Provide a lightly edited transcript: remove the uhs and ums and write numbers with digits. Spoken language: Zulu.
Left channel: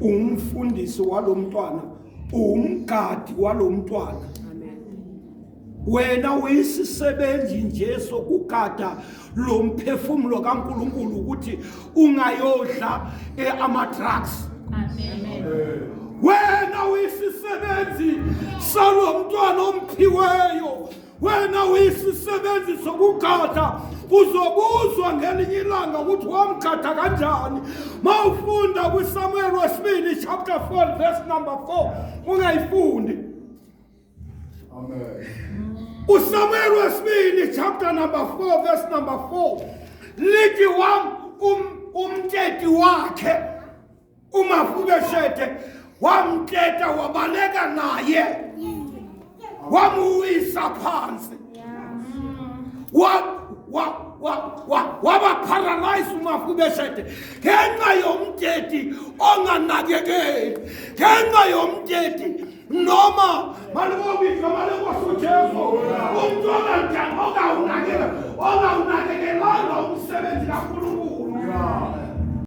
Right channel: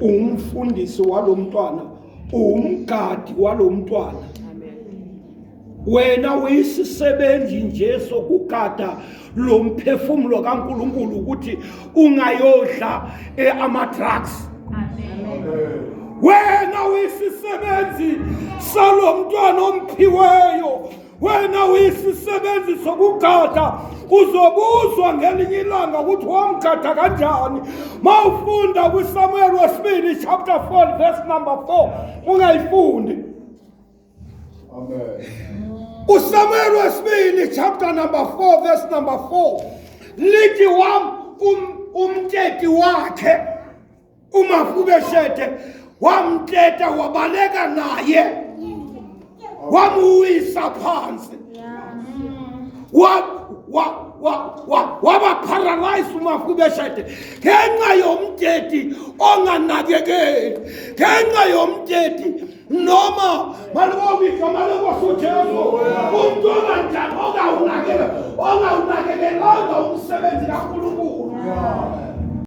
umfundisi walomntwana, umgadi walomntwana. Wena uyisisebenzi nje sokugada lo mphefumulo kaNkulunkulu ukuthi ungayodla ama-drugs. Wena uyisisebenzi salomntwana omphiweyo. Wena uyisisebenzi sokugada, uzobuzwa ngelinye ilanga ukuthi wamgada kanjani. Mawufunda kwiSamuel wesibili chapter 4 verse number 4 ungayifundi. Amen. uSamuel wesibili chapter number 4 verse number 4 lithi umteti wakhe uMefiboshethe wamteta wabaleka naye wamuwisa phansi waba paralyzed uMefiboshethe ngenxa yomteti onganakekeli, ngenxa yomteti noma malokubika malokusuthezo umuntu onganakekela ongawunakekelanga umsebenzi kaNkulunkulu.